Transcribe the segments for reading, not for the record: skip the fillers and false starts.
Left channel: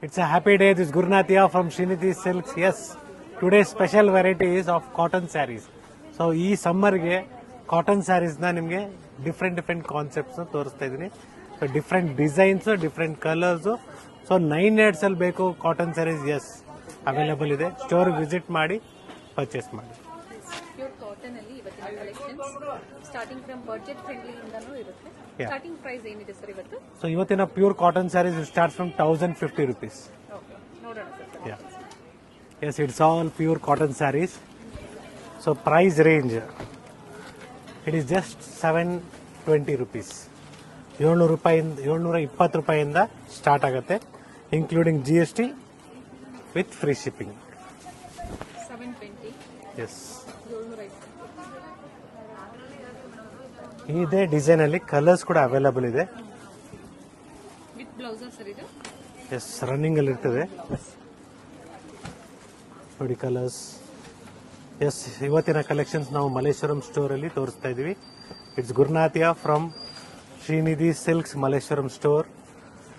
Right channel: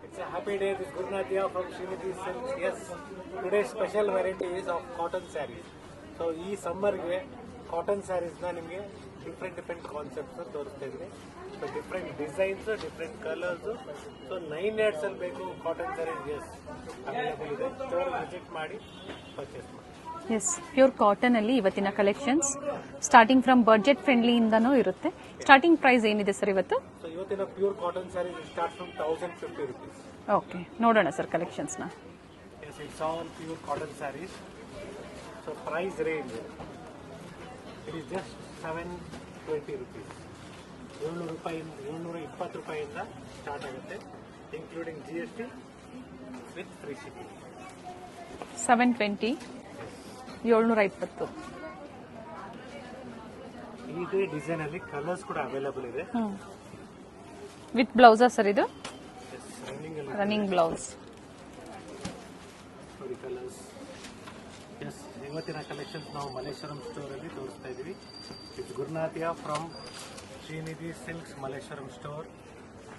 It's a happy day. This is Gurnathia from Srinidhi Silks. Yes, today's special variety is of cotton sarees. So ಈ ಸಮ್ಮರ್ಗೆ cotton ಸ್ಯಾರೀಸ್ನ ನಿಮಗೆ different ಕಾನ್ಸೆಪ್ಟ್ಸ್ನ ತೋರಿಸ್ತಾ ಇದ್ದೀನಿ. So different designs, different colours. So 9 ಅಲ್ಲಿ ಬೇಕು cotton saris, yes available ಇದೆ. ಸ್ಟೋರ್ಗೆ visit ಮಾಡಿ ಪರ್ಚೇಸ್ ಮಾಡಿ. ಎಸ್, ಪ್ಯೂರ್ ಕಾಟನ್ ಅಲ್ಲಿ ಇವತ್ತಿನ collections starting from budget friendly ಇಂದನೂ ಇರುತ್ತೆ. ಸ್ಟಾರ್ಟಿಂಗ್ ಪ್ರೈಸ್ ಏನಿದೆ ಸರ್ ಇವತ್ತು? ಸೊ ಇವತ್ತಿನ pure cotton saris start from 1050 rupees. Okay, ನೋಡೋಣ ಸರ್ ಕಲೆಕ್ಷನ್ಸ್ ನ. Yes, it's all pure cotton saris. So price range it is just 720 rupees. 720 ರೂಪಾಯಿಂದ ಸ್ಟಾರ್ಟ್ ಆಗುತ್ತೆ, including GST with free shipping. 720. Yes, 720. ಇದೇ design ಅಲ್ಲಿ colours ಕೂಡ available ಇದೆ. With blouse sir ಇದು? Yes, running ಅಲ್ಲಿ ಇರ್ತದೆ ಬ್ಲೌಸ್. ನೋಡಿ ಕಲರ್ಸ್. ಎಸ್, ಇವತ್ತಿನ ಕಲೆಕ್ಷನ್ಸ್ ನಾವು ಮಲ್ಲೇಶ್ವರಂ ಸ್ಟೋರ್ ಅಲ್ಲಿ ತೋರಿಸ್ತಾ ಇದೀವಿ. It's Gurunathiya from Shrinidhi silks Malleshwaram store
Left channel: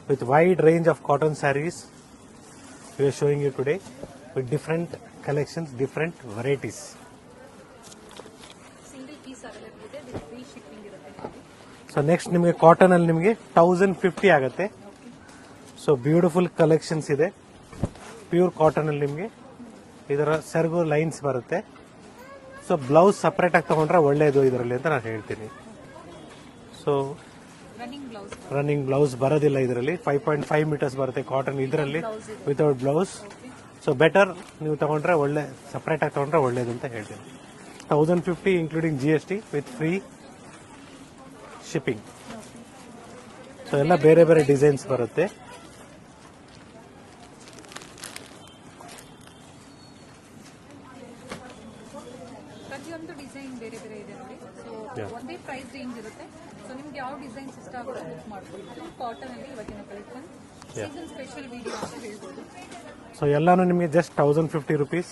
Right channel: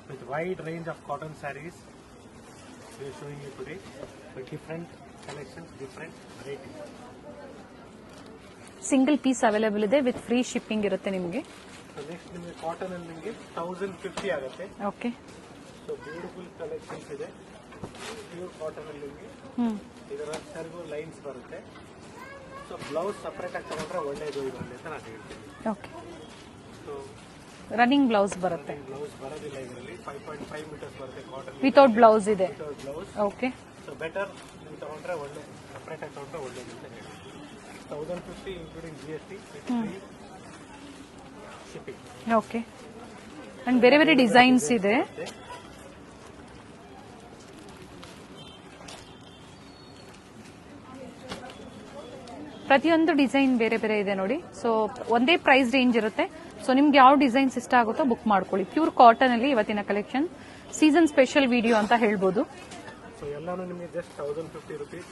with wide range of cotton saris. We are showing you today with different collections, different varieties. Single piece available ಇದೆ, ವಿತ್ ಫ್ರೀ ಶಿಪ್ಪಿಂಗ್ ಇರುತ್ತೆ ನಿಮಗೆ. ಸೊ ನೆಕ್ಸ್ಟ್ ನಿಮಗೆ cotton ಅಲ್ಲಿ ನಿಮಗೆ 1050 ಆಗುತ್ತೆ. ಓಕೆ. ಸೊ ಬ್ಯೂಟಿಫುಲ್ ಕಲೆಕ್ಷನ್ಸ್ ಇದೆ pure cotton ಅಲ್ಲಿ. ನಿಮಗೆ ಇದರ ಸೆರ್ಗು ಲೈನ್ಸ್ ಬರುತ್ತೆ. ಸೊ ಬ್ಲೌಸ್ ಸಪರೇಟ್ ಆಗಿ ತಗೊಂಡ್ರೆ ಒಳ್ಳೇದು ಇದರಲ್ಲಿ ಅಂತ ನಾನು ಹೇಳ್ತೀನಿ. ಸೊ ರನ್ನಿಂಗ್ ಬ್ಲೌಸ್ ಬರೋದಿಲ್ಲ ಇದರಲ್ಲಿ. 5.5 meters ಬರುತ್ತೆ cotton without blouse. Okay. So better ನೀವು ತಗೊಂಡ್ರೆ ಒಳ್ಳೆ ಸಪರೇಟ್ ಆಗಿ ತಗೊಂಡ್ರೆ ಒಳ್ಳೇದು ಅಂತ ಹೇಳ್ತೀನಿ. 1050 including GST with free shipping. Okay. ಬೇರೆ ಬೇರೆ ಡಿಸೈನ್ಸ್ ಇದೆ. ಬರುತ್ತೆ. ಪ್ರತಿಯೊಂದು ಡಿಸೈನ್ ಬೇರೆ ಬೇರೆ ಇದೆ ನೋಡಿ. ಸೊ ಒಂದೇ ಪ್ರೈಸ್ ರೇಂಜ್ ಇರುತ್ತೆ. ಸೊ ನಿಮ್ಗೆ ಯಾವ ಡಿಸೈನ್ಸ್ ಇಷ್ಟ ಆಗುತ್ತೋ ಬುಕ್ ಮಾಡ್ಕೊಳ್ಳಿ. ಪ್ಯೂರ್ ಕಾಟನ್ ಅಲ್ಲಿ ಇವತ್ತಿನ ಕಲೆಕ್ಷನ್ ಸೀಸನ್ ಸ್ಪೆಷಲ್ ವಿಡಿಯೋ ಅಂತ ಹೇಳ್ಬೋದು. ಸೊ ಎಲ್ಲಾನು ನಿಮಗೆ just 1050 rupees.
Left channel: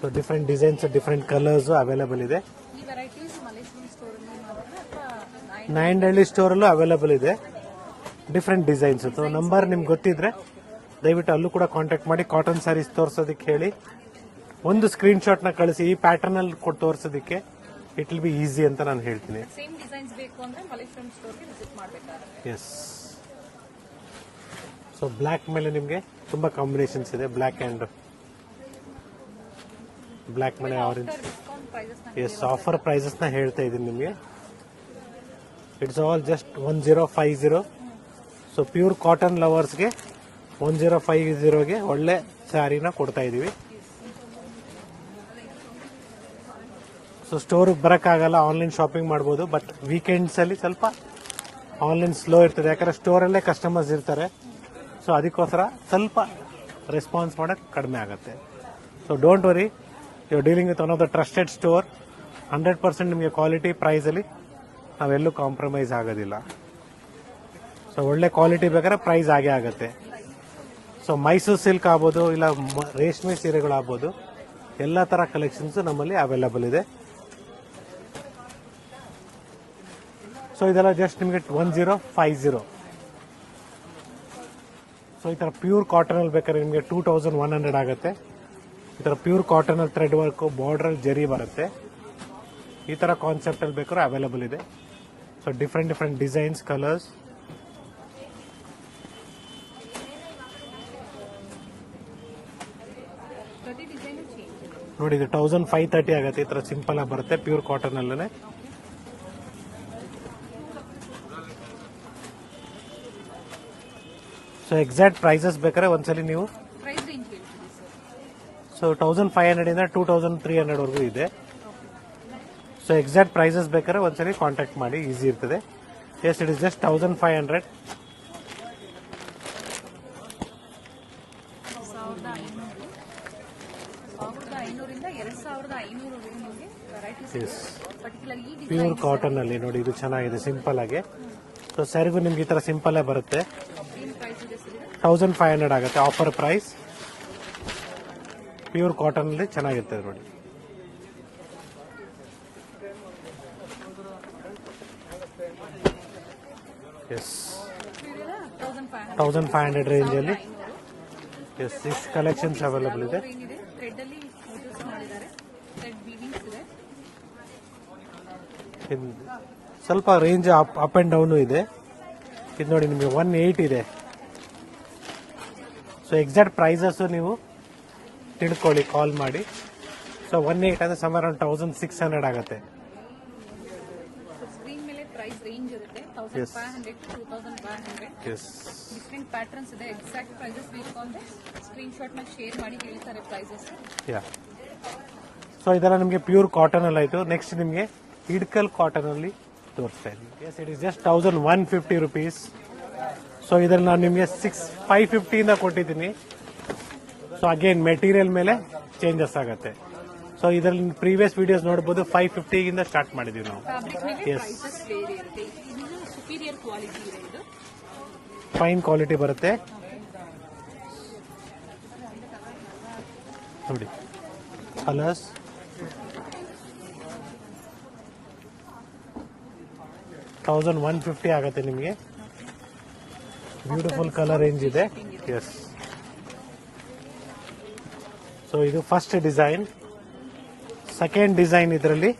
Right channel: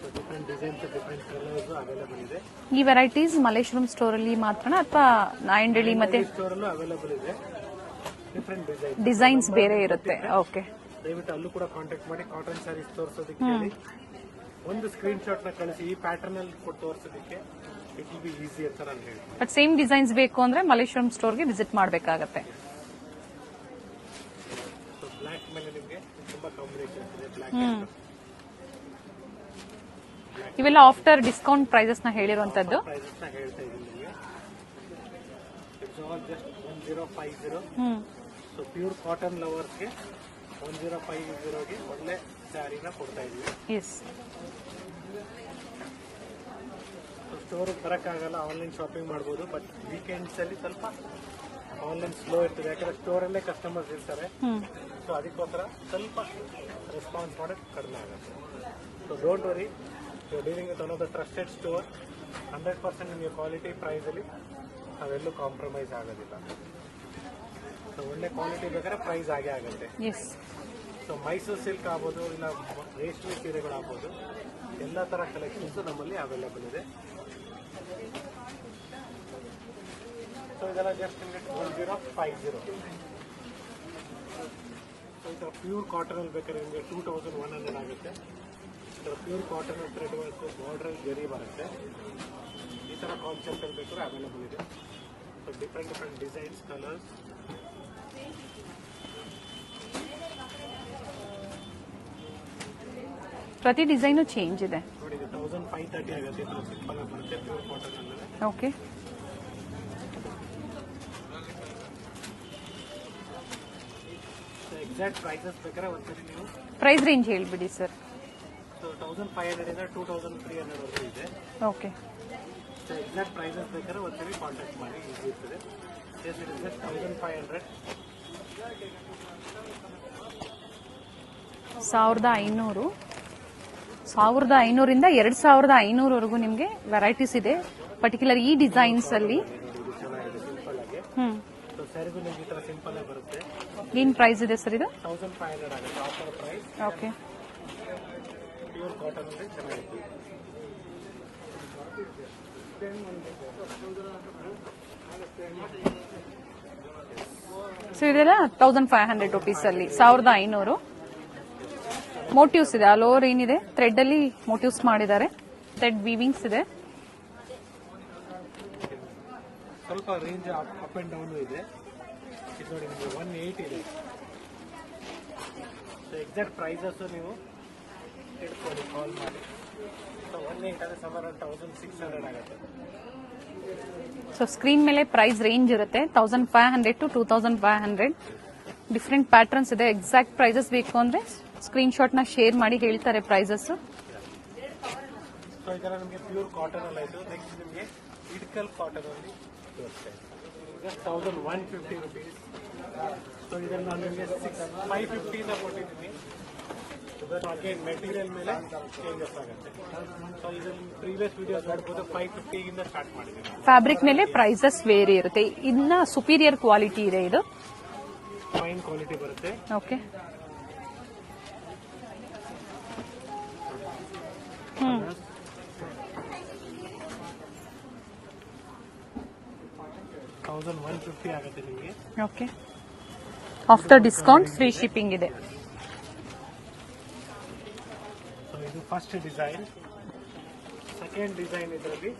So different designs, different colours available ಇದೆ. ಈ ವೆರೈಟೀಸ್ ಮಲ್ಲೇಶ್ವರಂ ಸ್ಟೋರ್ ಅಲ್ಲಿ ಮಾತ್ರ ಅಥವಾ ನಾಯಂಡಹಳ್ಳಿ ಸ್ಟೋರ್ ಅಲ್ಲೂ ಅವೈಲೇಬಲ್ ಇದೆ. Different designs. ನಂಬರ್ ನಿಮ್ಗೆ ಗೊತ್ತಿದ್ರೆ ದಯವಿಟ್ಟು ಅಲ್ಲೂ ಕೂಡ ಕಾಂಟ್ಯಾಕ್ಟ್ ಮಾಡಿ. ಕಾಟನ್ ಸ್ಯಾರೀಸ್ ತೋರಿಸೋದಕ್ಕೆ ಹೇಳಿ ಒಂದು ಸ್ಕ್ರೀನ್ ಶಾಟ್ ನ ಕಳಿಸಿ. ಈ ಪ್ಯಾಟರ್ನ್ ಅಲ್ಲಿ ತೋರಿಸೋದಕ್ಕೆ ಇಟ್ ವಿಲ್ ಬಿ ಈಸಿ ಅಂತ ನಾನು ಹೇಳ್ತೀನಿ. ಬಟ್ ಸೇಮ್ ಡಿಸೈನ್ಸ್ ಬೇಕು ಅಂದ್ರೆ ಮಲ್ಲೇಶ್ವರಂ ಸ್ಟೋರ್ಗೆ ವಿಸಿಟ್ ಮಾಡಬೇಕಾಗುತ್ತೆ. ಎಸ್. ಸೊ ಬ್ಲಾಕ್ ಮೇಲೆ ನಿಮಗೆ ತುಂಬಾ ಕಾಂಬಿನೇಷನ್ಸ್ ಇದೆ. Black and black. ಇವೆಲ್ಲ ಆಫ್ಟರ್ ಡಿಸ್ಕೌಂಟ್ ಪ್ರೈಸಸ್ ನ ಹೇಳಿರುವಂತದ್ದು. ಆಫರ್ ಪ್ರೈಸಸ್ ನ ಹೇಳ್ತಾ ಇದೀನಿ ನಿಮಗೆ. It's all just 1050. So pure cotton lovers ಗೆ 1050 ಗೆ ಒಳ್ಳೆ ಸ್ಯಾರಿನ ಕೊಡ್ತಾ ಇದೀವಿ. ಸೊ ಸ್ಟೋರ್ ಬರಕ್ಕಾಗಲ್ಲ, ಆನ್ಲೈನ್ ಶಾಪಿಂಗ್ ಮಾಡ್ಬೋದು. ಬಟ್ ವೀಕೆಂಡ್ಸ್ ಅಲ್ಲಿ ಸ್ವಲ್ಪ ಆನ್ಲೈನ್ ಸ್ಲೋ ಇರ್ತದೆ, ಯಾಕಂದ್ರೆ ಸ್ಟೋರ್ ಅಲ್ಲೇ ಕಸ್ಟಮರ್ಸ್ ಇರ್ತಾರೆ. ಸೊ ಅದಕ್ಕೋಸ್ಕರ ಸ್ವಲ್ಪ ರೆಸ್ಪಾನ್ಸ್ ಮಾಡಕ್ ಕಡಿಮೆ ಆಗುತ್ತೆ. So don't worry, you are dealing with one of the trusted store. 100% ನಿಮಗೆ ಕ್ವಾಲಿಟಿ ಪ್ರೈಸ್ ಅಲ್ಲಿ ನಾವೆಲ್ಲೂ ಕಾಂಪ್ರಮೈಸ್ ಆಗೋದಿಲ್ಲ. ಸೊ ಒಳ್ಳೆ ಕ್ವಾಲಿಟಿ ಬೇಕಾದ್ರೆ ಪ್ರೈಸ್ ಆಗೇ ಆಗುತ್ತೆ. ಸೊ ಮೈಸೂರು ಸಿಲ್ಕ್ ಆಗ್ಬೋದು, ಇಲ್ಲ ರೇಷ್ಮೆ ಸೀರೆಗಳಾಗ್ಬೋದು, ಎಲ್ಲ ತರ ಕಲೆಕ್ಷನ್ಸ್ ನಮ್ಮಲ್ಲಿ ಅವೈಲೇಬಲ್ ಇದೆ. ಸೊ ಇದೆಲ್ಲ ಜಸ್ಟ್ ನಿಮಗೆ 1050. ಸೊ ಈ ತರ ಪ್ಯೂರ್ ಕಾಟನ್ ಅಲ್ಲಿ ಬೇಕಾದ್ರೆ ನಿಮಗೆ 2100 ಆಗುತ್ತೆ. ಈ ತರ ಪ್ಯೂರ್ ಕಾಟನ್ ಅಲ್ಲಿ ಥ್ರೆಡ್ ವರ್ಕ್, ಬಾರ್ಡರ್ ಜರಿ ಬರುತ್ತೆ. ಈ ತರ ಕಾನ್ಸೆಪ್ಟ್ ಅಲ್ಲಿ ಬೇಕಾದ್ರೆ ಅವೈಲೇಬಲ್ ಇದೆ. So different designs, colours. ಪ್ರತಿ ಡಿಸೈನು ಚೇಂಜ್ ಇದೆ ನೋಡಿ. ಇದು 1530 ಆಗುತ್ತೆ. ಈ ತರ ಸಿಂಪಲ್ ಆಗಿ ಬರುತ್ತೆ ಪ್ಯೂರ್ ಕಾಟನ್ ಅಲ್ಲೇ. ಓಕೆ. ಸೊ ಎಕ್ಸಾಕ್ಟ್ ಪ್ರೈಸಸ್ ಬೇಕಾದ್ರೆ ಒಂದ್ಸಲಿ ನೀವು ಪ್ರೈಸ್ ರೇಂಜ್ ಹೇಳ್ಬಿಡಿ ಸರ್. ಸೊ 1500 ಇಂದ 2300 ವರೆಗೂ ಇದೆ. ಓಕೆ. ಸೊ ಎಕ್ಸಾಕ್ಟ್ ಪ್ರೈಸಸ್ ಬೇಕಾದ್ರೆ ಒಂದ್ಸಲಿ ಕಾಂಟ್ಯಾಕ್ಟ್ ಮಾಡಿ, ಈಸಿ ಇರ್ತದೆ. S, it is just 1500. 1500. 1500 ಇಂದ 2500 ವರೆಗೂ ನಿಮಗೆ ವೆರೈಟೀಸ್ ಇದೆ. ಪರ್ಟಿಕ್ಯುಲರ್ ಈ ಡಿಸೈನ್ಸ್ ಅಲ್ಲಿ ನೋಡಿ, ಇದು ಚೆನ್ನಾಗಿದೆ ಸಿಂಪಲ್ ಆಗಿ. ಸೊ ಸ್ಯಾರಿಗೂ ನಿಮ್ಗೆ ಈ ತರ ಸಿಂಪಲ್ ಆಗಿ ಬರುತ್ತೆ. ಏನ್ ಪ್ರೈಸ್ ಇದೆ ಸರ್ ಇದು? 1500 ಆಗುತ್ತೆ offer price. Okay. Pure cotton ಅಲ್ಲಿ ಚೆನ್ನಾಗಿರ್ತದೆ ನೋಡಿ. ಎಸ್ ಸೊ ಇದೆಲ್ಲ 1500 ರುಪೀಸ್ ಅಲ್ಲಿ 1500. ಎಸ್ ಇಸ್ ಕಲೆಕ್ಷನ್ ಮೋಟಿವ್ಸ್ ಇದೆ, ಆಲ್ ಓವರ್ ಏನಿದೆ ಥ್ರೆಡ್ ಅಲ್ಲಿ ಮೋಟಿವ್ಸ್ ಮಾಡಿದ್ದಾರೆ, ಥ್ರೆಡ್ ವೀವಿಂಗ್ಸ್ ಇದೆ. ಸ್ವಲ್ಪ ರೇಂಜ್ ಅಪ್ ಅಂಡ್ ಡೌನ್ ಇದೆ. ಇದು ನೋಡಿ ನಿಮಗೆ 180 ಇದೆ. ಸೊ ಎಕ್ಸಾಕ್ಟ್ ಪ್ರೈಸಸ್ ನೀವು ತಿಳ್ಕೊಳ್ಳಿ ಕಾಲ್ ಮಾಡಿ. ಸೊ 180 ಅಂದ್ರೆ ಸಮ್ ಅರೌಂಡ್ 1600 ಆಗುತ್ತೆ. ಸೊ ಸ್ಕ್ರೀನ್ ಮೇಲೆ ಪ್ರೈಸ್ ರೇಂಜ್ ಇರುತ್ತೆ 1500 to 2500. ಡಿಫ್ರೆಂಟ್ ಪ್ಯಾಟರ್ನ್ಸ್ ಇದೆ. ಎಕ್ಸಾಕ್ಟ್ ಪ್ರೈಸಸ್ ಬೇಕು ಅಂದ್ರೆ ಸ್ಕ್ರೀನ್ ಶಾಟ್ ನ ಶೇರ್ ಮಾಡಿ ಹೇಳ್ತಾರೆ ಪ್ರೈಸಸ್. ಸೊ ಇದೆಲ್ಲ ನಿಮಗೆ ಪ್ಯೂರ್ ಕಾಟನ್ ಅಲ್ಲಿ ಆಯ್ತು. ನೆಕ್ಸ್ಟ್ ನಿಮಗೆ ಹಿಡ್ಕಲ್ ಕಾಟನ್ ಅಲ್ಲಿ ತೋರಿಸ್ತಾ ಇದ್ದೀನಿ. It is just 1150 rupees. So ಇದ್ರಲ್ಲಿ ನಾನು ನಿಮಗೆ 550 ಇಂದ ಕೊಟ್ಟಿದ್ದೀನಿ. ಸೊ ಅಗೇನ್ ಮೆಟೀರಿಯಲ್ ಮೇಲೆ ಚೇಂಜಸ್ ಆಗುತ್ತೆ. ಸೊ ಇದರಲ್ಲಿ ಪ್ರೀವಿಯಸ್ ವಿಡಿಯೋಸ್ ನೋಡಬಹುದು 550 ಇಂದ ಸ್ಟಾರ್ಟ್ ಮಾಡಿದೀವಿ ನಾವು. ಫ್ಯಾಬ್ರಿಕ್ ಮೇಲೆ ಪ್ರೈಸಸ್ ವೇರಿ ಇರುತ್ತೆ. ಇನ್ನ ಸುಪೀರಿಯರ್ ಕ್ವಾಲಿಟಿ ಇದೆ, ಇದು ಫೈನ್ ಕ್ವಾಲಿಟಿ ಬರುತ್ತೆ. ಓಕೆ ನೋಡಿ ಕಲರ್ಸ್. $1150 ಆಗುತ್ತೆ ನಿಮಗೆ. Okay after discount free shipping ಇದೆ. ಸೊ ಇದು ಫಸ್ಟ್ ಡಿಸೈನ್. ಸೆಕೆಂಡ್ ಡಿಸೈನ್ ಇದರಲ್ಲಿ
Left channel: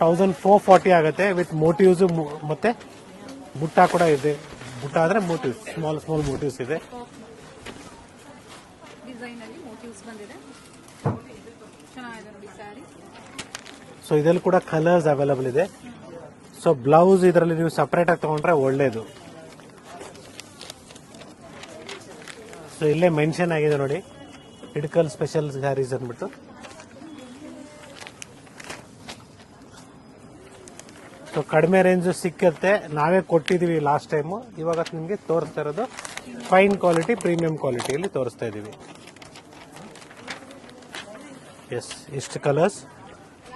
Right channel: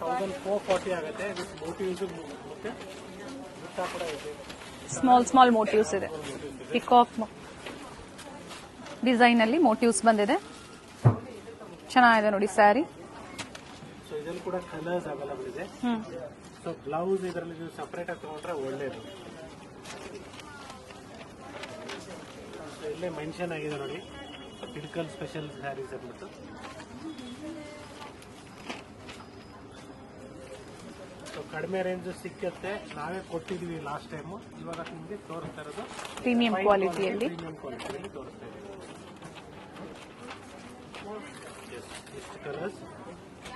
1440 ಆಗುತ್ತೆ ವಿತ್ ಮೋಟಿವ್ಸ್ ಮತ್ತೆ ಬುಟ್ಟ ಕೂಡ ಇದೆ. ಬುಟ್ಟ ಆದ್ರೆ ಸ್ಮಾಲ್ ಮೋಟಿವ್ಸ್ ಇದೆ. ಡಿಸೈನ್ ಅಲ್ಲಿ ಮೋಟಿವ್ಸ್ ಬಂದಿದೆ, ಚೆನ್ನಾಗಿದೆ ನೋಡಿ ಸ್ಯಾರಿ. ಸೊ ಇದರಲ್ಲಿ ಕೂಡ ಕಲರ್ಸ್ ಅವೈಲಬಲ್ ಇದೆ. ಸೊ ಬ್ಲೌಸ್ ಇದರಲ್ಲಿ ನೀವು ಸಪರೇಟ್ ಆಗಿ ತಗೊಂಡ್ರೆ ಒಳ್ಳೇದು. ಸೊ ಇಲ್ಲೇ ಮೆನ್ಷನ್ ಆಗಿದೆ ನೋಡಿ, ಹಿಡ್ಕಲ್ ಸ್ಪೆಷಲ್ ಸ್ಯಾರೀಸ್ ಅಂದ್ಬಿಟ್ಟು. ಸೊ ಕಡಿಮೆ ರೇಂಜ್ ಸಿಕ್ಕತ್ತೆ, ನಾವೇ ಕೊಟ್ಟಿದೀವಿ ಲಾಸ್ಟ್ ಟೈಮ್. ಇವಾಗ ನಿಮ್ಗೆ ತೋರಿಸ್ತಾ ಇರೋದು ಫೈನ್ ಕ್ವಾಲಿಟಿ, ಪ್ರೀಮಿಯಂ ಕ್ವಾಲಿಟಿಯಲ್ಲಿ ತೋರಿಸ್ತಾ ಇದೀವಿ. ಎಸ್ ಇಷ್ಟು ಕಲರ್ಸ್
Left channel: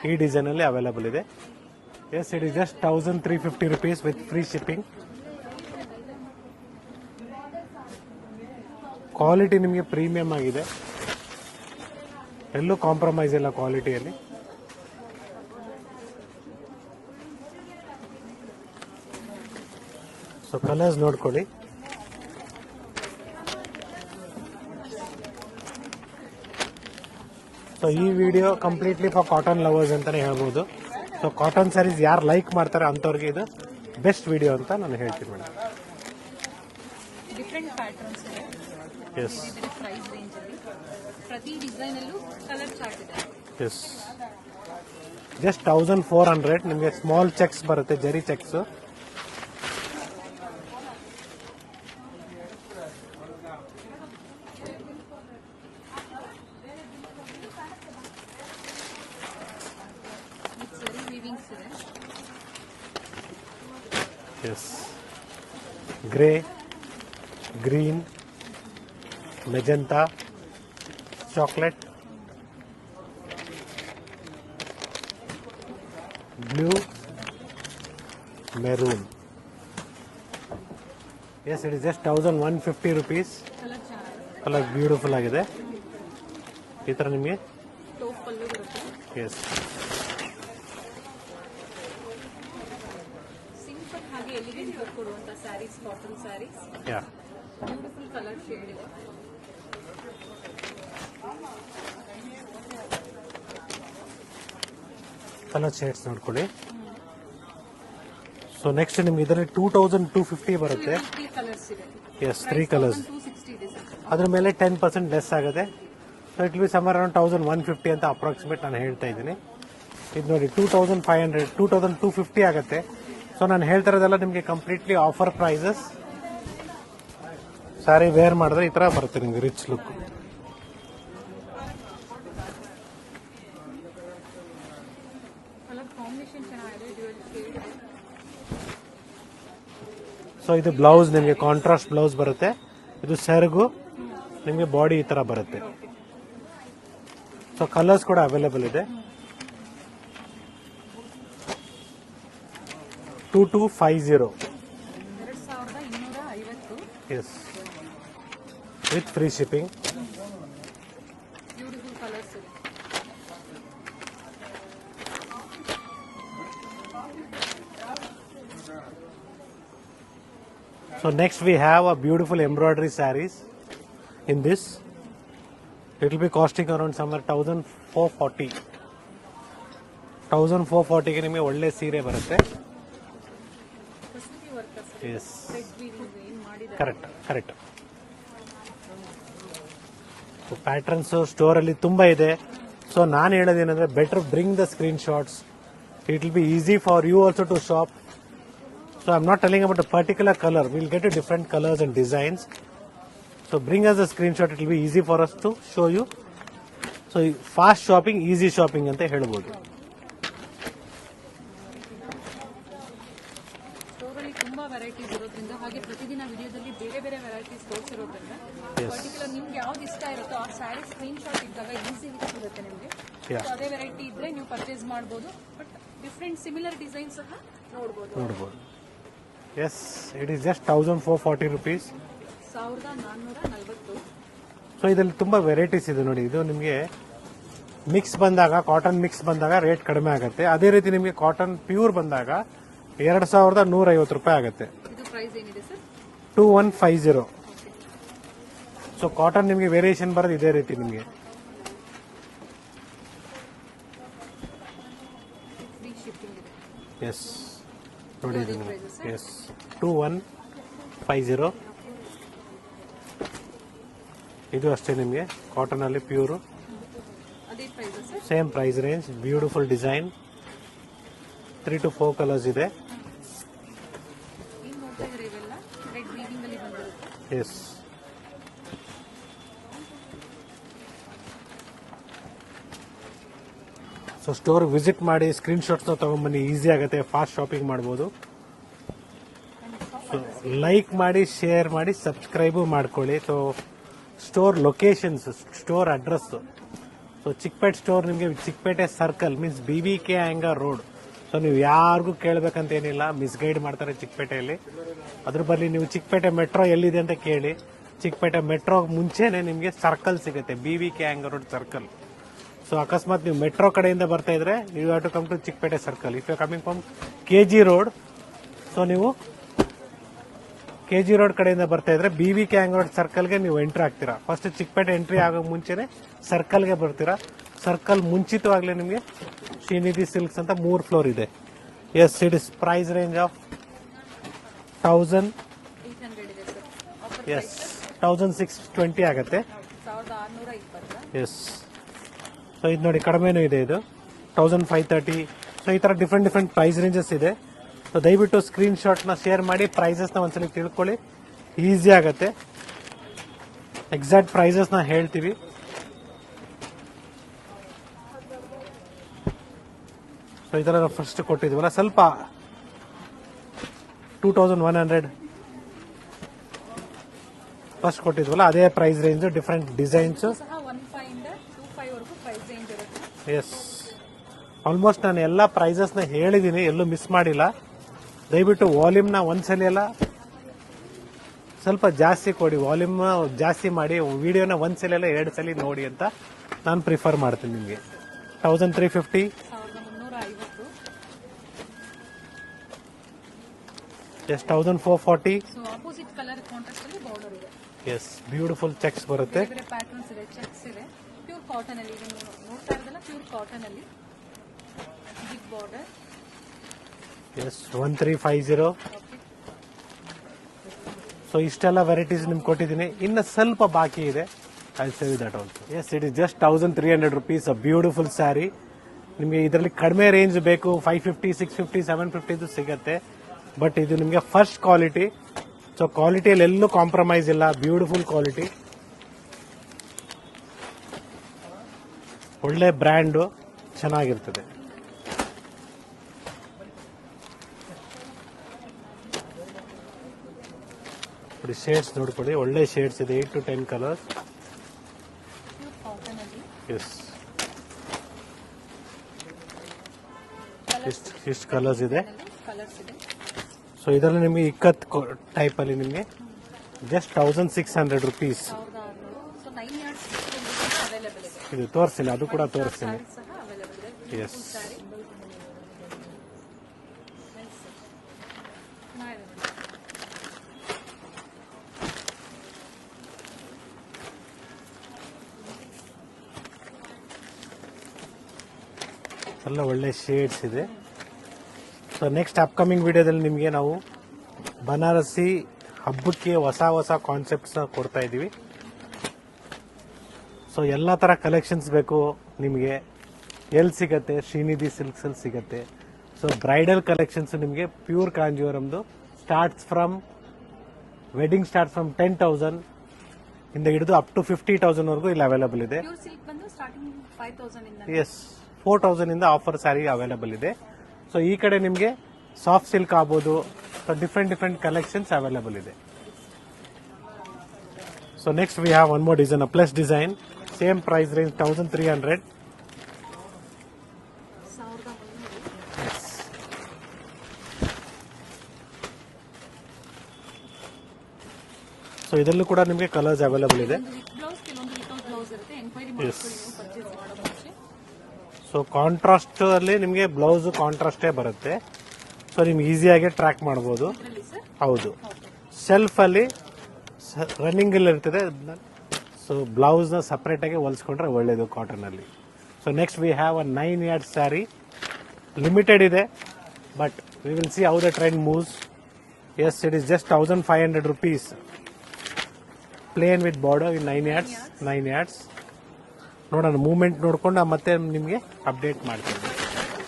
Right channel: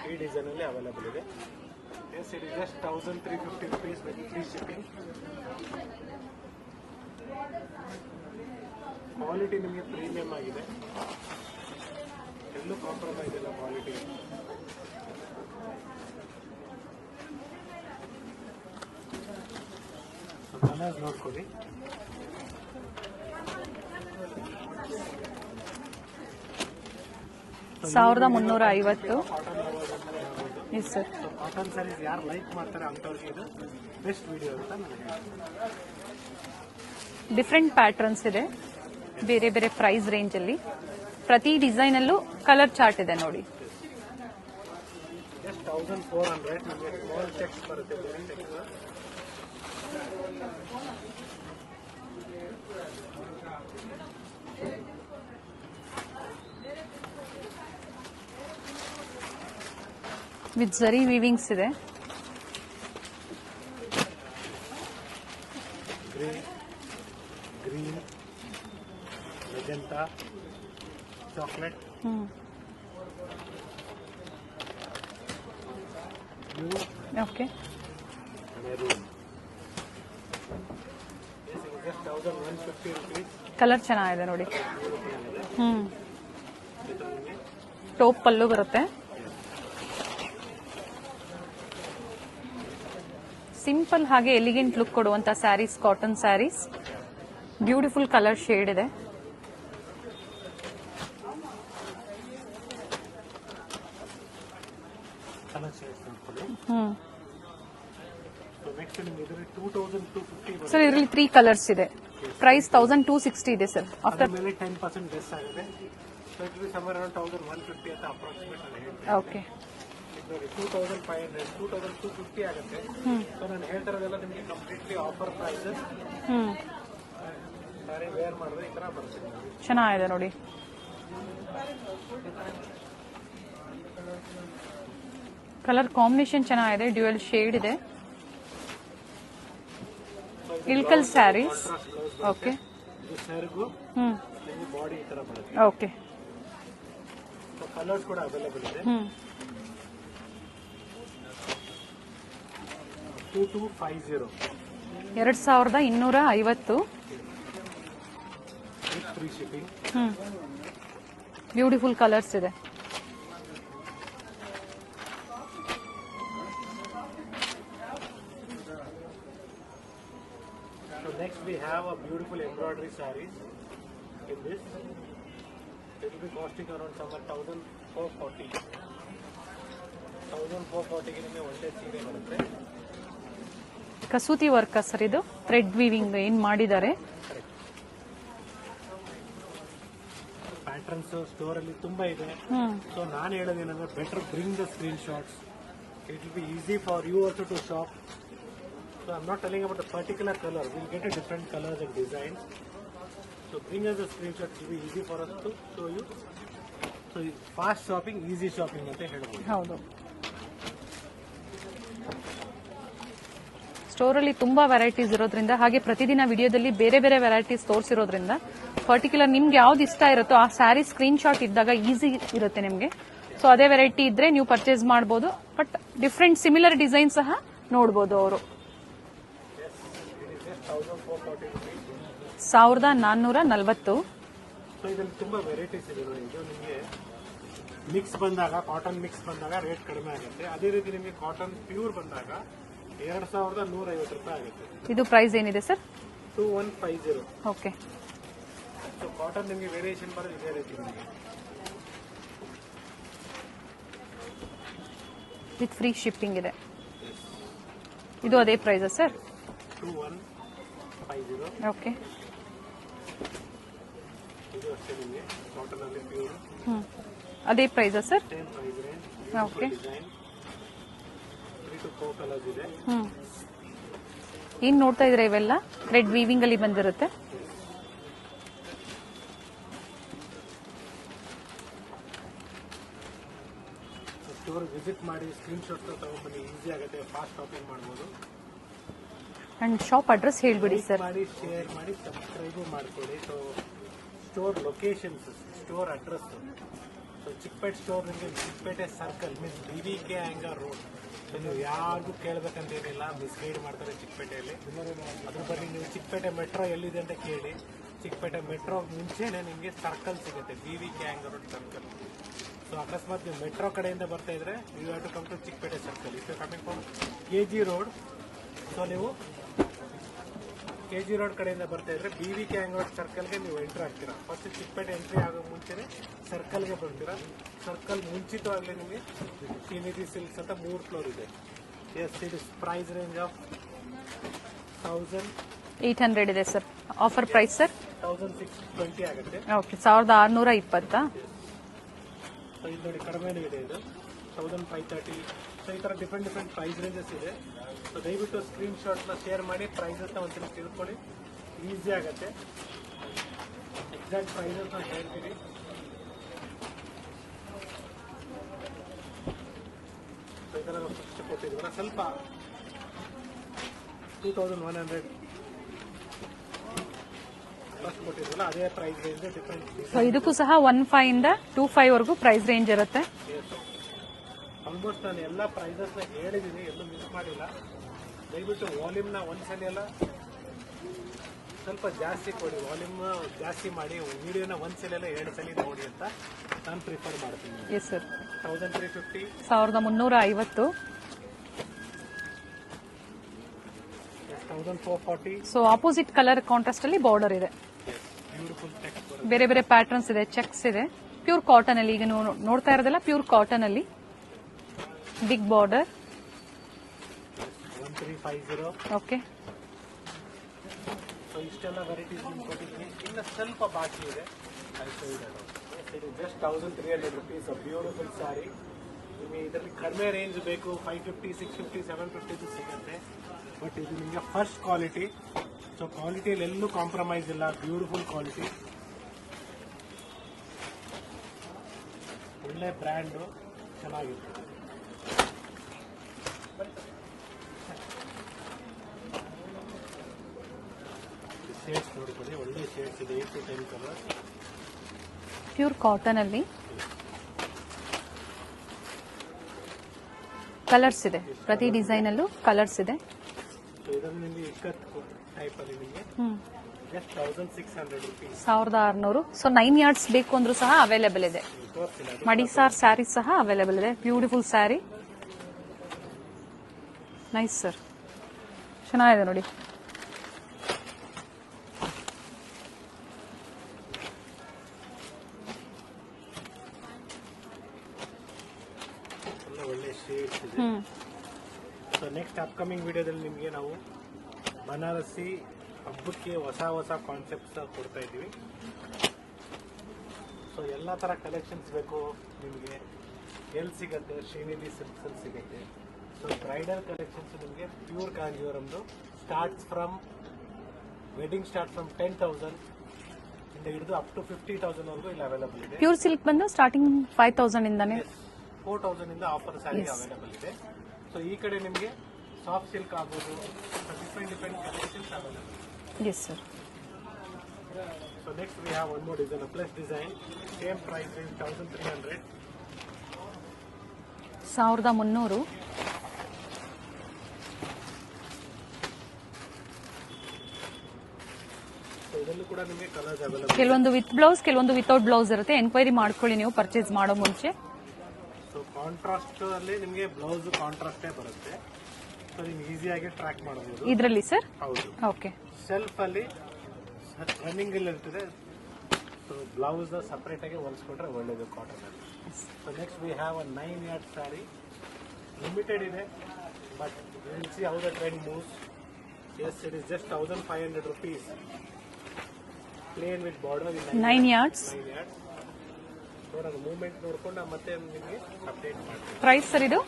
ಈ ಡಿಸೈನ್ ಅಲ್ಲಿ ಅವೈಲಬಲ್ ಇದೆ. Yes it is just 1350 rupees with free shipping. Quality ನಿಮಗೆ ಪ್ರೀಮಿಯಂ ಆಗಿದೆ, ಎಲ್ಲೂ ಕಾಂಪ್ರಮೈಸ್ ಇಲ್ಲ ಕ್ವಾಲಿಟಿಯಲ್ಲಿ. ಸೊ ಕಲರ್ಸ್ ನೋಡ್ಕೊಳ್ಳಿ. ಸೊ ಈ video completely for cotton lovers ಅಂತಾನೆ ಹೇಳ್ಬೋದು. ಸೊ ಕಾಟನ್ ಸ್ಯಾರೀಸ್ ಯಾರು ಲೈಕ್ ಮಾಡ್ತಾರೆ ಅಂತವ್ರಿಗೆ ಇದು ಬೆಸ್ಟ್ ವಿಡಿಯೋ ಅಂತ ನಾನು ಹೇಳ್ತೀನಿ ಮೇಡಮ್. ಡಿಫ್ರೆಂಟ್ ಪ್ಯಾಟರ್ನ್ಸ್ ಇದೆ, ಬೇರೆ ಬೇರೆ ಪ್ರೈಸ್ ರೇಂಜ್ ಅಲ್ಲಿ. ಪ್ರತಿ ಡಿಸೈನ್ ಅಲ್ಲೂ ಕಲರ್ ಚಾರ್ಟ್ ಇದೆ ನೋಡಿ. Yes just 1400. ನಿಮಗೆ ಸ್ಮಾಲ್ ಚೆಕ್ಸ್ ಬರುತ್ತೆ, zari checks. With zari weavings ಇದೆ. Yes grey, green, magenta, chocolate, blue, okay maroon. Yes it is just 1150 rupees. Colour ಚೆನ್ನಾಗಿದೆ ನೋಡಿ, ಕಲರ್ ಬ್ಯೂಟಿಫುಲ್ ಆಗಿದೆ. ಈ ತರ ನಿಮಗೆ ಟಾಪ್ ಪಲ್ಲು ಬರುತ್ತೆ. ಎಸ್ ಸಿಂಪಲ್ ಹಾಗೆ ಎಲಿಗೆಂಟ್ ಲುಕ್ ಕೊಡುವಂತ sarees, cotton sarees. Beautiful colour shade ಇದೆ. ಕಲರ್ ಶೇಡ್ಸ್ ನೋಡ್ಕೊಳ್ಳಿ. ಸೊ ನೆಕ್ಸ್ಟ್ ನಿಮ್ಗೆ ಇದರಲ್ಲಿ 2250 ಸರ್ ಬರುತ್ತೆ. ಇದರಲ್ಲಿ 3 ಕಲರ್ಸ್ ಇದೆ. ಪ್ರೈಸ್ 1260 ಇದೆ ಸರ್. ಅದ್ರ ಮೇಲೆ 10% ಲೆಸ್ ಆಗುತ್ತೆ. So it will sum around 1150 ಅಂತ ಅಪ್ರಾಕ್ಸಿಮೇಟ್ ನಾನು ಹೇಳ್ತಾ ಇದ್ದೀನಿ. ಇದು ನೋಡಿ 2500, 2250 ಆಗುತ್ತೆ. ಸೊ ನಾನು ಹೇಳ್ತಾ ಇರೋದೆಲ್ಲ ನಿಮಗೆ completely offer prices. Saree wear ಮಾಡಿದ್ರೆ ಈ ತರ ಬರುತ್ತೆ ನಿಮ್ಗೆ ರಿಚ್. ಚೆನ್ನಾಗಿದೆ ನೋಡಿ. ಕಲರ್ ಕಾಂಬಿನೇಷನ್ ಚೆನ್ನಾಗಿದೆ, ಡ್ಯುಯಲ್ ಶೇಡ್ ಇದೆ. ಸೊ ಇದು ಬ್ಲೌಸ್ ನಿಮಗೆ ಕಾಂಟ್ರಾಸ್ಟ್ ಬ್ಲೌಸ್ ಬರುತ್ತೆ. ಇದು ಸೆರಗು ನಿಮಗೆ ಬಾಡಿ ಈ ತರ ಬರುತ್ತೆ. ಓಕೆ. ಸೊ ಕಲರ್ಸ್ ಕೂಡ ಅವೈಲೇಬಲ್ ಇದೆ. 2250. 2250. Yes with free shipping. Beautiful colours ಇದೆ. So next we have a beautiful embroidery sarees in this. It will be costing around somewhere 1440. 1440 ಗೆ ನಿಮಗೆ ಒಳ್ಳೆ ಸೀರೆ ಬರುತ್ತೆ. ಕಸೂತಿ ವರ್ಕ್ ಸರ್ ಇದು, ಥ್ರೆಡ್ ವೀವಿಂಗ್ ಏನ್ ಮಾಡಿದ್ದಾರೆ. ಕರೆಕ್ಟ್. ಪ್ಯಾಟರ್ನ್ಸ್ ಸ್ಟೋರ್ ಅಲ್ಲಿ ತುಂಬಾ ಇದೆ. ಸೊ ನಾನು ಹೇಳೋದೇನಂದ್ರೆ better bring the screenshots. It will be easy for you also to shop. So I'm not telling about a particular color. We'll get you different colors and designs. So bring us a screenshot. It will be easy for us to show you. So fast shopping, easy shopping ante helbodu. ಹೌದು. Store ಅಲ್ಲಿ ತುಂಬಾ varieties ಇರೋದ್ರಿಂದ, ಹಾಗೆ ಪ್ರತಿದಿನ ವಿಡಿಯೋದಲ್ಲಿ ಬೇರೆ ಬೇರೆ varieties ತೋರಿಸಿರೋದ್ರಿಂದ particular ನಿಮ್ಗೆ ಯಾವ್ದು ಇಷ್ಟ ಇರುತ್ತೋ ಆ ಸ್ಯಾರಿ ಸ್ಕ್ರೀನ್ ಶಾಟ್ ಇದ್ದಾಗ ಈಸಿ ಇರುತ್ತೆ ನಿಮ್ಗೆ. ಸೊ ಅದೇ ವೆರೈಟಿ ಇದ್ರೆ ನೀವು ಪರ್ಚೇಸ್ ಮಾಡಬಹುದು. ಬಟ್ ಡಿಫ್ರೆಂಟ್ ಸಿಮಿಲರ್ ಡಿಸೈನ್ ಸಹ ನೋಡಬಹುದು ಅವರು. Yes, it is just 1440 rupees. 1440. So ಇದರಲ್ಲಿ ತುಂಬಾ ವೆರೈಟೀಸ್ ಇದೆ ನೋಡಿ. ಇದು ನಿಮಗೆ ಮಿಕ್ಸ್ ಬಂದಾಗ, ಕಾಟನ್ ಮಿಕ್ಸ್ ಬಂದಾಗ ರೇಟ್ ಕಡಿಮೆ ಆಗುತ್ತೆ. ಅದೇ ರೀತಿ ನಿಮಗೆ ಕಾಟನ್ ಪ್ಯೂರ್ ಬಂದಾಗ 2150 ರೂಪಾಯಿ ಆಗುತ್ತೆ. ಇದು ಪ್ರೈಸ್ ಏನಿದೆ ಸರ್? 2150. ಓಕೆ. ಸೊ ಕಾಟನ್ ನಿಮಗೆ ವೇರಿಯೇಷನ್ ಬರೋದು ಇದೇ ರೀತಿ ನಿಮಗೆ. ವಿತ್ ಫ್ರೀ ಶಿಪ್ಪಿಂಗ್ ಇದೆ. ಎಸ್. ಇದು ಅದೇ ಪ್ರೈಸ್ ಸರ್? 2150. ಓಕೆ. ಇದು ಅಷ್ಟೇ ನಿಮಗೆ ಕಾಟನ್ ಅಲ್ಲಿ ಪ್ಯೂರ್. ಅದೇ price sir? Same price range. Beautiful design. 3 to 4 colours ಇದೆ. ಏನ್ ನೋಡ್ತಾ ಇದ್ರೆ ಇವೆಲ್ಲ ಥ್ರೆಡ್ ವೀವಿಂಗ್ ಅಲ್ಲಿ ಬಂದಿರುತ್ತೆ. ಎಸ್. ಸೊ ಸ್ಟೋರ್ ವಿಸಿಟ್ ಮಾಡಿ ಸ್ಕ್ರೀನ್ ಶಾಟ್ಸ್ ತಗೊಂಡ್ಬನ್ನಿ. ಈಸಿ ಆಗುತ್ತೆ, ಫಾಸ್ಟ್ ಶಾಪಿಂಗ್ ಮಾಡಬಹುದು. ಅಂಡ್ ಶಾಪ್ ಅಡ್ರೆಸ್ ಹೇಳಿ. ಲೈಕ್ ಮಾಡಿ, ಶೇರ್ ಮಾಡಿ, ಸಬ್ಸ್ಕ್ರೈಬ್ ಮಾಡ್ಕೊಳ್ಳಿ. So store locations, store address. So Chickpet store ನಿಮಗೆ ಚಿಕ್ಕಪೇಟೆ ಸರ್ಕಲ್ ಮೀನ್ಸ್ BBK ಆಂಗರ್ ರೋಡ್. ಸೊ ನೀವು ಯಾರಿಗೂ ಕೇಳಬೇಕಂತ ಏನಿಲ್ಲ, ಮಿಸ್ಗೈಡ್ ಮಾಡ್ತಾರೆ ಚಿಕ್ಕಪೇಟೆಯಲ್ಲಿ. ಅದ್ರ ಬದಲು ನೀವು ಚಿಕ್ಕಪೇಟೆ ಮೆಟ್ರೋ ಎಲ್ಲಿದೆ ಅಂತ ಕೇಳಿ. ಚಿಕ್ಕಪೇಟೆ ಮೆಟ್ರೋ ಮುಂಚೆನೆ ನಿಮಗೆ ಸರ್ಕಲ್ ಸಿಗುತ್ತೆ, BBK ಆಂಗರ್ ರೋಡ್ ಸರ್ಕಲ್. ಸೊ ಅಕಸ್ಮಾತ್ ನೀವು ಮೆಟ್ರೋ ಕಡೆಯಿಂದ ಬರ್ತಾ ಇದ್ರೆ you have to come to Chickpet circle. If you coming from KG road, so ನೀವು KG ರೋಡ್ ಕಡೆಯಿಂದ ಬರ್ತಾ ಇದ್ರೆ BBK ಆಂಗರ್ ರೋಡ್ ಸರ್ಕಲ್ಗೆ ನೀವು ಎಂಟ್ರಿ ಆಗ್ತೀರಾ. ಫಸ್ಟ್ ಚಿಕ್ಕಪೇಟೆ ಎಂಟ್ರಿ ಆಗೋ ಮುಂಚೆನೆ ಸರ್ಕಲ್ಗೆ ಬರ್ತೀರಾ. ಸರ್ಕಲ್ ಮುಂಚಿತವಾಗ್ಲೇ ನಿಮಗೆ ಶ್ರೀನಿಧಿ ಸಿಲ್ಕ್ಸ್ ಅಂತ 3 ಫ್ಲೋರ್ ಇದೆ. Yes, it is price range of 1800 ಇದೆ ಸರ್. ಆಫರ್ ಪ್ರೈಸ್ ಸರ್ 1620 ಆಗುತ್ತೆ. ಓಕೆ. 1620. ಎಸ್. ಸೊ ಇದು ನೋಡಿ ಕಡಿಮೆನೂ ಇದೆ. ಇದು 1530. ಸೊ ಈ ತರ ಡಿಫ್ರೆಂಟ್ ಪ್ರೈಸ್ ರೇಂಜಸ್ ಇದೆ. ಸೊ ದಯವಿಟ್ಟು ಸ್ಕ್ರೀನ್ ಶಾಟ್ನ ಶೇರ್ ಮಾಡಿ, ಪ್ರೈಸಸ್ನ ಒಂದ್ಸಲಿ ತಿಳ್ಕೊಳ್ಳಿ. ಈಸಿ ಆಗುತ್ತೆ. ಎಕ್ಸಾಕ್ಟ್ ಪ್ರೈಸಸ್ನ ಹೇಳ್ತೀವಿ. ಸೊ ಈ ತರ ಫಸ್ಟ್ ಕೊಟ್ಟಿದ್ವಲ್ಲ, ಸ್ವಲ್ಪ 2100 ಫಸ್ಟ್ ಕೊಟ್ಟಿದ್ವಲ್ಲ ಅದೇ ಪ್ರೈಸ್ ರೇಂಜ್. Different designs. ಇದಕ್ಕೂ ಸಹ 15 ಇಂದ 25 ವರೆಗೂ ಪ್ರೈಸ್ ರೇಂಜ್ ಇರುತ್ತೆ. ಎಸ್, ಆಲ್ಮೋಸ್ಟ್ ನಾನು ಎಲ್ಲ ಪ್ರೈಸಸ್ನ ಹೇಳಿದ್ದೀನಿ, ಎಲ್ಲೂ ಮಿಸ್ ಮಾಡಿಲ್ಲ. ದಯವಿಟ್ಟು ವಾಲ್ಯೂಮ್ನ ಒಂದ್ಸಲಿ ಎಲ್ಲ ಸ್ವಲ್ಪ ಜಾಸ್ತಿ ಕೊಡಿ, ವಾಲ್ಯೂಮ್ ಜಾಸ್ತಿ ಮಾಡಿ, ವಿಡಿಯೋನ ಒಂದ್ಸಲಿ ಎಲ್ಲ 2 ಸಲ ನೋಡಿ ಅಂತ ನಾನು ಪ್ರಿಫರ್ ಮಾಡ್ತೀನಿ ನಿಮಗೆ. 1350. 1350. Yes, 1440. So opposite colour contrast ಅಲ್ಲಿ ಬಾರ್ಡರ್ ಇದೆ. ಎಸ್, ಬ್ಯೂಟಿಫುಲ್ ಚೆಕ್ಸ್ ಬರುತ್ತೆ. ಬೇರೆ ಬೇರೆ ಪ್ಯಾಟರ್ನ್ಸ್ ಇದೆ, ಚೆಕ್ಸ್ ಇದೆ. ಪ್ಯೂರ್ ಕಾಟನ್ ಅಲ್ಲಿ ಈಗ ನೋಡ್ತಾ ಇರೋದಲ್ಲ ಪ್ಯೂರ್ ಕಾಟನ್ ಅಲ್ಲಿ big border. Yes, 1350. Okay. So ಇಷ್ಟೆಲ್ಲ ವೆರೈಟೀಸ್ ನಿಮ್ಗೆ ಕೊಟ್ಟಿದ್ದೀನಿ. ಇನ್ನು ಸ್ವಲ್ಪ ಬಾಕಿ ಇದೆ. I save that also. Yes, it is just 1300 rupees. A beautiful saree. ನಿಮಗೆ ಇದರಲ್ಲಿ ಕಡಿಮೆ ರೇಂಜ್ ಬೇಕು, 550, 650, 750 ಸಿಗುತ್ತೆ. ಬಟ್ ಇದು ನಿಮಗೆ ಫಸ್ಟ್ ಕ್ವಾಲಿಟಿ. ಸೊ ಕ್ವಾಲಿಟಿಯಲ್ಲಿ ಎಲ್ಲೂ ಕಾಂಪ್ರಮೈಸ್ ಇಲ್ಲ. ಬ್ಯೂಟಿಫುಲ್ ಕ್ವಾಲಿಟಿ, ಒಳ್ಳೆ ಬ್ರ್ಯಾಂಡು, ಚೆನ್ನಾಗಿರ್ತದೆ. ಶೇಡ್ಸ್ ನೋಡ್ಕೊಳ್ಳಿ, ಒಳ್ಳೆ ಶೇಡ್ಸ್ ಇದೆ. 8 to 10 ಕಲರ್ಸ್. ಪ್ಯೂರ್ ಕಾಟನ್ ಅಲ್ಲಿ ಎಸ್, ಕಲರ್ಸ್ ಇದೆ. ಇಷ್ಟು ಪ್ರತಿ colours ಇದೆ. ಡಿಸೈನ್ ಅಲ್ಲೂ ಕಲರ್ಸ್ ಇದೆ. ಸೊ ಇದರಲ್ಲಿ ನಿಮಗೆ ಇಕ್ಕತ್ ಟೈಪ್ ಅಲ್ಲಿ ನಿಮಗೆ ಜಸ್ಟ್ 1600 rupees. 1600. ಸೊ 9 yards ಬೇಕು ಅಂದ್ರೂ ಸಹ ಅವೈಲೇಬಲ್ ಇದೆ. ಇದು ತೋರಿಸಿಲ್ಲ, ಅದು ಕೂಡ ಮಡಿಸಾರ್ ಸ್ಯಾರಿ ಸಹ ಅವೈಲೇಬಲ್ ಇದೆ. ಬ್ಯೂಟಿಫುಲ್ ಸ್ಯಾರಿ, ನೈಸ್ ಸರ್, ಚೆನ್ನಾಗಿದೆ ನೋಡಿ. ಎಲ್ಲ ಒಳ್ಳೆ ಶೇಡ್ಸ್ ಇದೆ. ಸೊ ನೆಕ್ಸ್ಟ್ ಅಪ್ಕಮಿಂಗ್ ವಿಡಿಯೋದಲ್ಲಿ ನಿಮಗೆ ನಾವು ಬನಾರಸಿ ಹಬ್ಬಕ್ಕೆ ಹೊಸ ಕಾನ್ಸೆಪ್ಟ್ಸ್ನ ಕೊಡ್ತಾ ಇದ್ದೀವಿ. ಸೊ ಎಲ್ಲ ಥರ ಕಲೆಕ್ಷನ್ಸ್ ಬೇಕು ನಿಮಗೆ ಎಲ್ಲಿ ಸಿಗತ್ತೆ, ಶ್ರೀನಿಧಿ ಸಿಲ್ಕ್ಸಲ್ಲಿ ಸಿಗತ್ತೆ. ಸೊ ಬ್ರೈಡಲ್ ಕಲೆಕ್ಷನ್ಸ್ ನಿಮಗೆ ಪ್ಯೂರ್ ಕಾಂಜೀವರಮ್ದು starts from wedding start from 10,000 ಇಂದ ಹಿಡಿದು ಅಪ್ ಟು 50,000 ವರೆಗೂ ಇಲ್ಲಿ ಅವೈಲೇಬಲ್ ಇದೆ. ಪ್ಯೂರ್ ಸಿಲ್ಕ್ ಬಂದು ಸ್ಟಾರ್ಟಿಂಗ್ 5,000 ಇಂದಾನೆ. ಎಸ್, 4,000 ಇಂದ ಆಫರ್ ಸ್ಯಾರಿ ಅವೈಲೇಬಲ್ ಇದೆ. ಸೊ ಈ ಕಡೆ ನಿಮಗೆ ಸಾಫ್ಟ್ ಸಿಲ್ಕ್ ಆಗ್ಬೋದು, ಡಿಫ್ರೆಂಟ್ ಕಲೆಕ್ಷನ್ಸ್ ಅವೈಲೇಬಲ್ ಇದೆ. Yes sir. So next we have one more design, plus design, same price range 1,300. 1,300. So ಇದರಲ್ಲೂ ಕೂಡ ನಿಮಗೆ ಕಲರ್ಸ್ ಅವೈಲೇಬಲ್ ಇದೆ. ಕೆಲವೊಂದು ವಿತ್ ಬ್ಲೌಸ್, ಕೆಲವೊಂದು ವಿತೌಟ್ ಬ್ಲೌಸ್ ಇರುತ್ತೆ. ಎನ್ಕ್ವೈರಿ ಮಾಡ್ಕೊಳ್ಳಿ ನೀವು ಪರ್ಚೇಸ್ ಮಾಡೋ ಮುಂಚೆ. ಸೊ ಕಾಂಟ್ರಾಸ್ಟ್ ಅಲ್ಲಿ ನಿಮಗೆ ಬ್ಲೌಸ್ ಕಾಂಟ್ರಾಸ್ಟೇ ಬರುತ್ತೆ. ಸೊ ನಿಮ್ಗೆ ಈಸಿಯಾಗಿ ಟ್ರ್ಯಾಕ್ ಮಾಡಬಹುದು ಇದರಲ್ಲಿ ಸರ್. ಹೌದು. ಓಕೆ. ಸೆಲ್ಫ್ ಅಲ್ಲಿ ರನ್ನಿಂಗ್ ಅಲ್ಲಿ ಇರ್ತದೆ. ಸೊ ಬ್ಲೌಸ್ ನ ಸಪರೇಟ್ ಆಗಿ ಹೊಲಿಸ್ಕೊಂಡ್ರೆ ಒಳ್ಳೇದು ಕಾಟನ್ ಅಲ್ಲಿ. So next we have a 9 yards sari. Limited ಇದೆ, but we will see how the trend moves. Yes, it is just 1,500 rupees. Plain with border in 9 yards. ನೋಡೋಣ, movement ನೋಡ್ಕೊಂಡು ಮತ್ತೆ ನಿಮಗೆ ಅಪ್ಡೇಟ್ ಮಾಡ್ತೀನಿ. ಪ್ರೈಸ್ ಸರ್ ಇದು?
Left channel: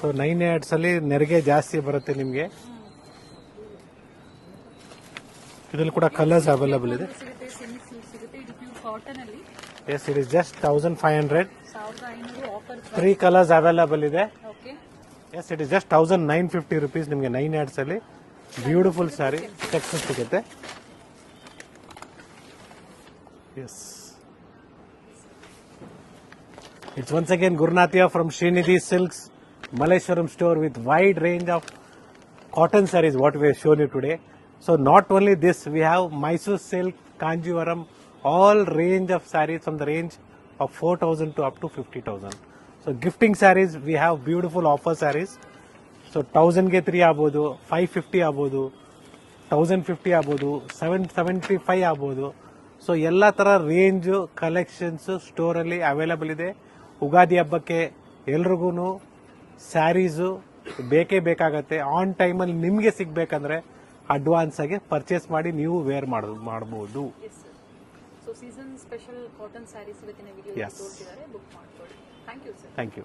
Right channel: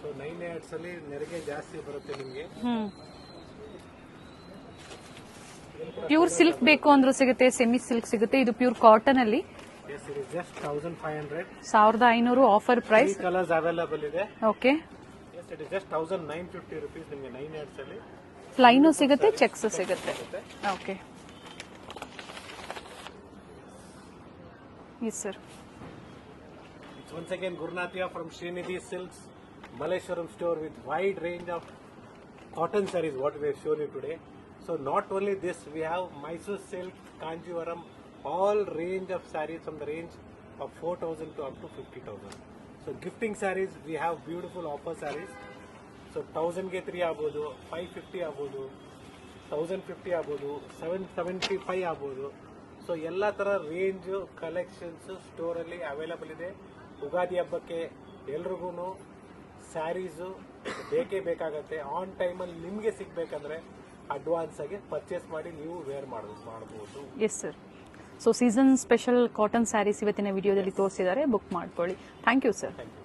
ಸೊ 9 yards ಅಲ್ಲಿ ನೆರಿಗೆ ಜಾಸ್ತಿ ಬರುತ್ತೆ ನಿಮಗೆ. ಇದರಲ್ಲಿ ಕೂಡ ಪ್ಯೂರ್ ಕಲರ್ಸ್ ಸಿಲ್ಕ್ ಬೇಕು ಅವೈಲೇಬಲ್ ಅಂದ್ರೂ ಸಿಗುತ್ತೆ, ಸೆಮಿ ಸಿಲ್ಕ್ ಸಿಗುತ್ತೆ. ಇದು ಪ್ಯೂರ್ ಕಾಟನ್ ಅಲ್ಲಿ. Yes, it is just 1,500. 1,500 offer 3 price. Colours available ಇದೆ. Okay. Yes, it is just 1,950 rupees ನಿಮಗೆ 9 yards ಅಲ್ಲಿ. ಪ್ಲೈನ್ ಸಿಗುತ್ತೆ, ಚೆಕ್ಸ್ ಸಿಗುತ್ತೆ. Okay. Yes, yes sir. it's once again Gurnathia from Srinidhi Silks, Malleshwaram store with wide range of cotton sarees what we have shown you today. So not only this, we have Mysore silk, Kanjivaram, all range of sarees from the range of 4,000 to up to 50,000. So gifting sarees, we have beautiful offer sarees. So 1,000 ಗೆ 3 ಆಗ್ಬೋದು, 550 ಆಗ್ಬೋದು, 1,050 ಆಗ್ಬೋದು, 775 ಆಗ್ಬೋದು. So ಎಲ್ಲ ಥರ range collections ಸ್ಟೋರಲ್ಲಿ available ಇದೆ. ಉಗಾದಿ ಹಬ್ಬಕ್ಕೆ ಎಲ್ರಿಗೂ ಸ್ಯಾರೀಸು ಬೇಕೇ ಬೇಕಾಗತ್ತೆ. ಆನ್ ಟೈಮಲ್ಲಿ ನಿಮಗೆ ಸಿಗಬೇಕಂದ್ರೆ ಅಡ್ವಾನ್ಸ್ ಆಗಿ ಪರ್ಚೇಸ್ ಮಾಡಿ ನೀವು ವೇರ್ ಮಾಡಬಹುದು. Yes sir. So season special cotton sarees ಇವತ್ತಿನ ವಿಡಿಯೋದಲ್ಲಿ ತೋರಿಸಿದ್ದಾರೆ. ಬುಕ್ ಮಾಡ್ಕೊಳ್ಳಿ. Thank you sir. Thank you.